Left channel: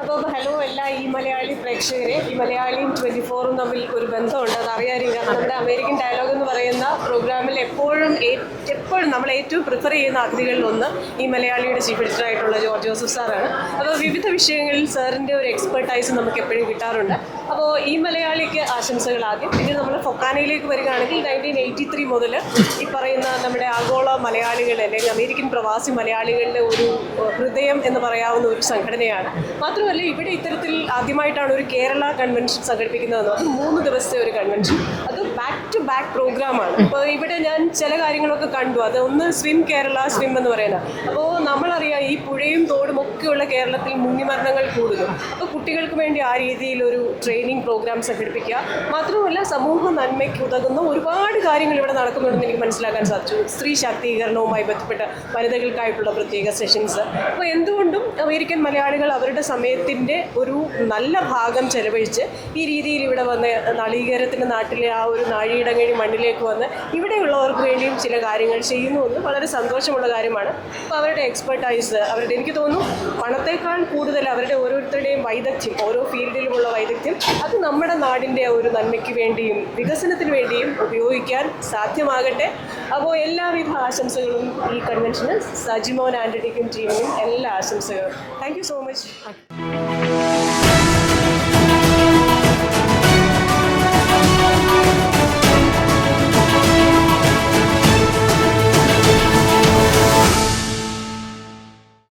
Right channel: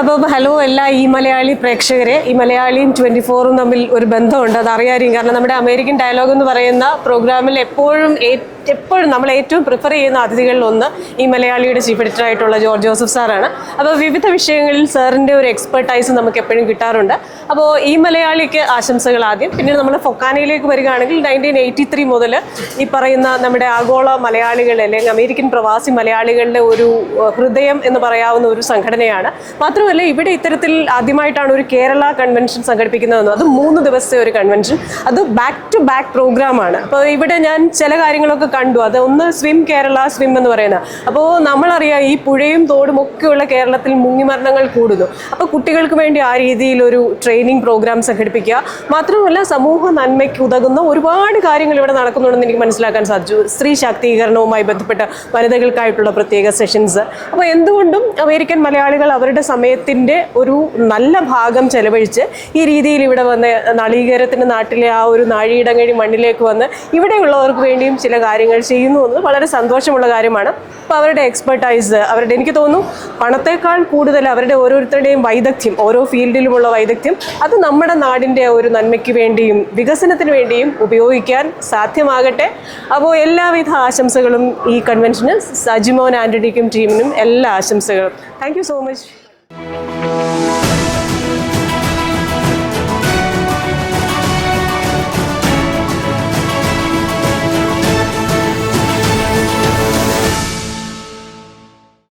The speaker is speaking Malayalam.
അപ്പോൾ ഹലോ എല്ലാ ഈ മലയാളി പ്രേക്ഷകരെ ഈ മലയാളിയും ട്വന്റി ഫോറും തമ്മിൽ ഒരു ബന്ധമുണ്ട് അത് അറിയാറിയും കാരണം നമ്മുടെ അമേരിക്കൻ ഡയലോഗ് എന്ന് പറയുന്ന പ്രോഗ്രാമിൽ എപ്പോഴും എപ്പോഴും നമ്മൾ ഏറ്റവും പ്രിഫർ ചെയ്യുന്ന അതിഥികളിൽ ഒന്ന് ഈ മലയാളിയുടെ ചീഫ് എഡിറ്റർ ആയിട്ടുള്ള ജോർജ് ജോസഫ് സാറാണ് അപ്പോൾ വിവിധ വിഷയങ്ങളിൽ സാറിന്റെ ഒരു എക്സ്പെർട്ടൈസ് നമുക്ക് എപ്പോഴും കിട്ടാറുണ്ട്. അപ്പോൾ ഈ മലയാളിക്ക് ആശംസകൾ ആദ്യം. പിന്നീട് നമ്മൾ ഫൊക്കാനയിലേക്ക് വരികയാണെങ്കിൽ നയന്റീൻ എയ്റ്റി ത്രീ മുതൽ ഈ പറയുന്ന നമ്മുടെ ആഗോള മലയാളികൾ അല്ലെങ്കിൽ അമേരിക്കൻ പ്രവാസി മലയാളികളുടെ ഒരു ഹൃദയം എന്ന് പറയാവുന്ന ഒരു സംഘടനയാണ്. മാത്രമല്ല ഇവിടെ ഇത്തരത്തിൽ ആദ്യമായിട്ടാണ് ഒരു കേരള കൺവെൻഷൻ സംഘടിപ്പിക്കുന്നതെന്ന് അത് മൂന്ന് ദിവസത്തെ ഒരു കൺവെൻഷൻ അത് ബാക്ക് ടു ബാക്ക് പ്രോഗ്രാമാണ് അപ്പോൾ ഇവിടെ ഞാൻ ചില കാര്യങ്ങളൊക്കെ കണ്ടു. അത് ഒന്ന് സ്വിം കേരള സ്വിം എന്ന് പറയുന്നത് അപ്പോൾ നമ്മളറിയാം ഈ പുഴയും തോടും ഒക്കെയുള്ള കേരളത്തിൽ മുങ്ങിമരണങ്ങൾ കൂടുന്നു. അപ്പോൾ കുട്ടികൾക്ക് വേണ്ടി ആ രീതിയിൽ ഒരു ട്രെയിനിങ് പ്രോഗ്രാം സംഘടിപ്പിക്കുക. മാത്രമല്ല സമൂഹ നന്മയ്ക്ക് ഉതകുന്ന ഒരുപാട് കാര്യങ്ങൾ ഇവിടെ നടക്കുന്നുണ്ടെന്ന് എനിക്ക് മനസ്സിലാക്കാൻ സാധിച്ചു. സ്ത്രീ ശാക്തീകരണവുമായി ബന്ധപ്പെട്ട വനിതകൾക്കായിട്ടുള്ള പ്രത്യേക സെഷൻസ് അപ്പോൾ എന്തുകൊണ്ടും അമേരിക്കൻ മലയാളികൾ അവരുടെ സമയത്തിന്റെ ഒരു നല്ല ഭാഗം ചെലവഴിച്ച് ഈ രീതിയിൽ ഇവിടെ വന്ന് നളീകരത്തിന്റെ നാട്ടിലെ ആ ഒരു നാഴിയിടങ്ങഴി മണ്ണിലേക്ക് വന്ന് ഇവിടെയുള്ളവർക്ക് വേണ്ടിയും ചില കാര്യങ്ങൾ ചെയ്യുന്നു എന്ന് വളരെ സന്തോഷമുള്ള കാര്യമാണ്. അപ്പോൾ അവരുടെ എക്സ്പെർട്ടൈസ് അവരുടെ എനിക്ക് തോന്നുന്നു പണത്തേക്കാൾ കൂടുതൽ അവരുടെ ഓരോരുത്തരുടെയും വൈദഗ്ധ്യം ഓരോ ഫീൽഡിലുമുള്ള വൈദഗ്ധ്യം അത് നമ്മുടെ നാടിന്റെ ഒരു നന്മയ്ക്ക് വേണ്ടിയും വികസനത്തിന് വേണ്ടിയും ഉപയോഗിക്കാൻ സാധ്യമാകട്ടെ. അപ്പോൾ എല്ലാവിധ ആശംസകളും ഈ കൺവെൻഷന് സജിമോൻ ആന്റണിക്കും ടീമിനും എല്ലാ ആശംസകളും. Thank so much Thank you.